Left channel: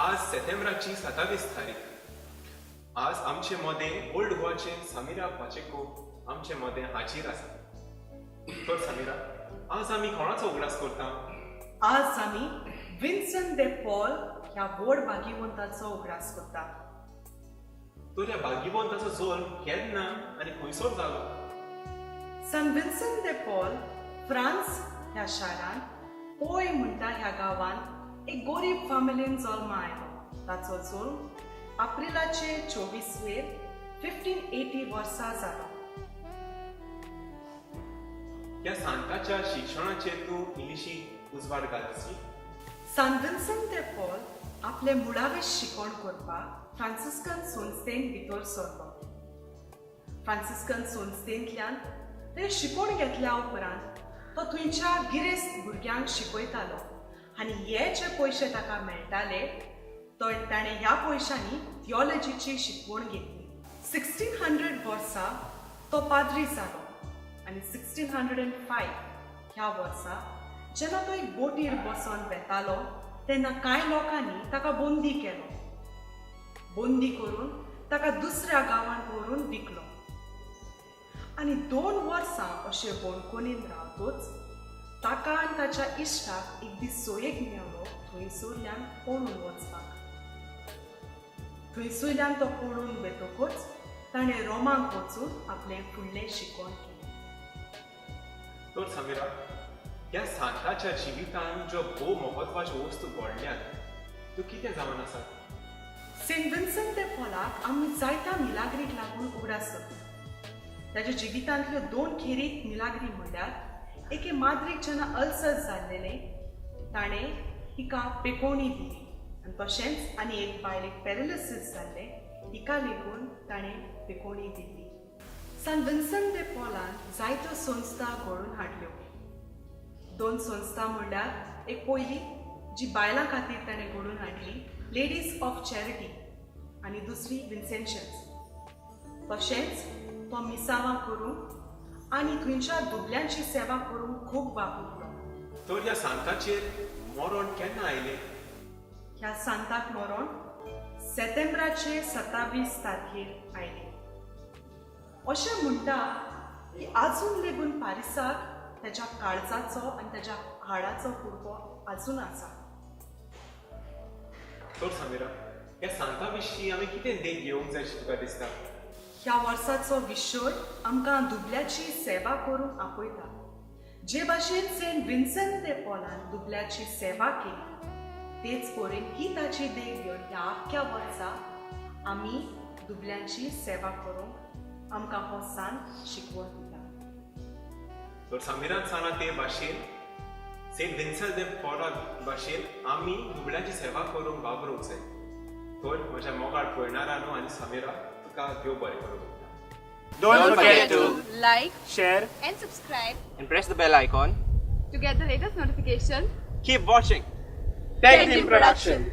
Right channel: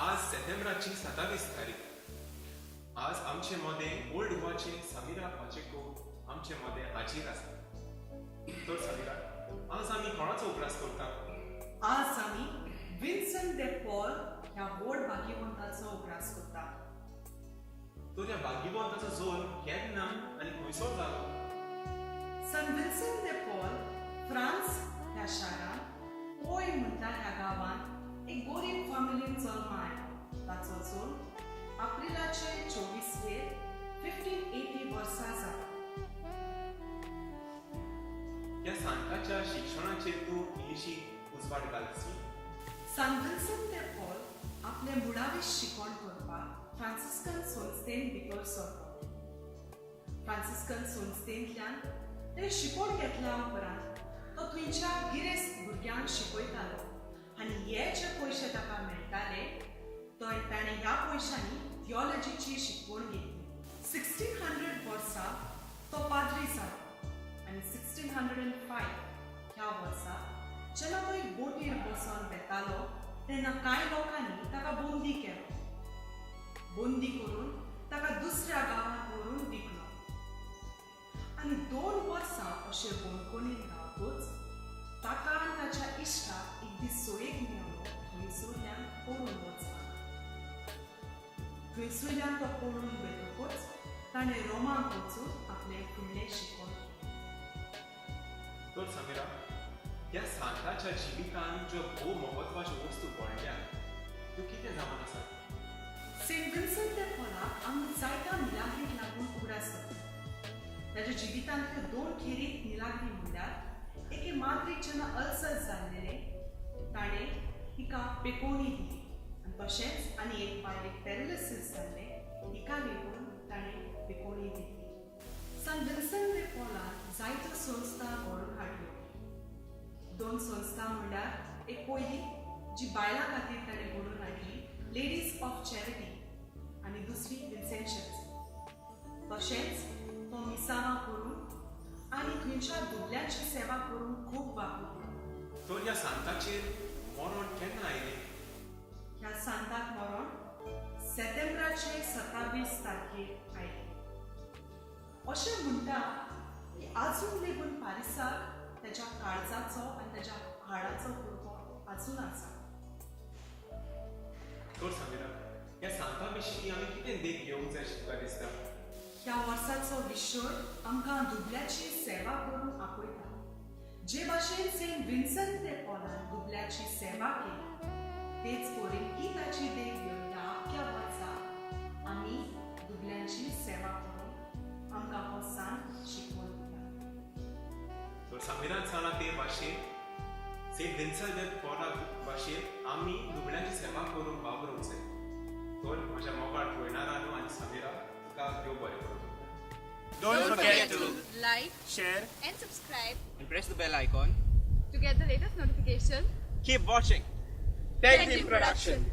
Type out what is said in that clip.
आज सप्टेंबराची 27 तारीख. आज आमचे मदें ओल्ड गोवाचे समिरा पाचेको आमचे मदें हाजीर आसा. तर समिरा, आज आमी कोणाचो उगडास करता? आज आमी विन्सेंट दे पॉल ह्या व्हड भाग्यवंताचो उगडास करता. तर ह्या भाग्यवंताचो जल्म केन्ना आनी खंयसर जालो? सान विन्सेंट दे पॉल फ्रांस ह्या शारान पोय म्हणटा ह्या गांवांत एक गरीब फामिलीन जल्म आयलो. ताचो जल्म एप्रिलाचे 24 1580 वर्सा जालो. ह्या सांताच्या शिक्षणाचेर तूं इल्लीशी उजवाड घालशी. सान विन्सेंट दे पॉल आपले मुळावे शिकवण करपाक फ्रांसिस्कन संस्थेन भितर सरलो. फ्रांसिस्कन संस्थेंतल्यान ते शिकवण घेतल्या उपरांत तो थंयच्या गिरेस्त भुरग्यांक शिकयतालो आनी हे जे पयशे ताका मेळटाले ताणें ह्या पयशांनी थियोलॉजीची शिकवण घेतली. 1600 वर्सा तो पाद्री जालो आनी 1605 ह्या वर्सा जेन्ना तो एक बोटीर बसून वेतालो तेन्ना कांय लोकांनी ताका बंदी केलो. बंदी करून ताका दुसऱ्या गांवांत व्हरून विकलो आनी 2 वर्सां अशे बंदखणीन रावतूच ताका आनी ताच्या इश्टाक एक दीस सोयेक मेळ्ळो थंयसरल्यान पळून वचपाक. थंयसरल्यान तो पळून वेतकूच ताणें रोमांक वचून आपलें फुडलें शिकवण केलें. तर समिरा, ह्या सांताच्या जिवितान ज्यो भोव महत्वाच्यो वस्तू घडल्यात त्यो कितें जावन आसा? सेंट विन्सेंट दे पॉलाक आमी जायत्या मिलाग्रीक लागून उगडास करता. ताच्या जिवितांतल्यो 2 खेरीत मिलाग्री म्हणल्यार एके माद्रीक जेन्ना अल्सर जाल्लेले ताणें तिका पेकोवणी दिली आनी तशेंच आनी एक बायलेक पॅरालिसीस जाल्ले तिका लेगून ताणें पेकोवणी दिली. सान विन्सेंट दे पॉलान जायत्यो संस्था घडोवन हाडल्यो. 2 संस्था म्हणल्यार एक पयली जी बायलां खातीर ताणें घडोवन हाडली, लेडीज ऑफ चॅरिटी, आनी दुसरी विन्सेंशन्स. तशेंच तो मिसावां करूंक आनी थंयच्या दुबल्यांची सेवा करूंक खूब वापरलो. तर ह्या सांताचेर मरण केन्ना आयलें? ह्या सांताक मरण सप्टेंबराचे 27 तारखेर आयलें. अशें म्हणटा की आजून लेगून पारिसाक ताच्या काळजाचो आनी ताच्या हाडाचो कुडको आजून आसा. तर समिरा, ह्या सांता विशीं आमी कितें देख घेवंक जाय अशें तुका दिसता? ह्या वर्साचो विशय आमकां दुबल्याची सेवा करूंक आपयता. जे भाशेन सेंट विन्सेंट दे पॉलान दुबल्याची सेवा केली तेच परीन ही ताची देख घेवन ह्या आख्या वर्सा आमी दुबल्यांची सेवा करूंक आमकां हो सांत शिकवण दिता. तर समिरान सांगला ते भाशेन सेंट विन्सेंट दे पॉला भाशेन आमी दुबळ्यांची सेवा करूंक वावरूंक जाय. तर म्हज्या मोगाळ पळयणारांनो आनी समिरा, तुका देव बरें करूं. Don't forget to like, share and subscribe and press the bell icon. to get the latest notification. Keep watching. Tech Team Production.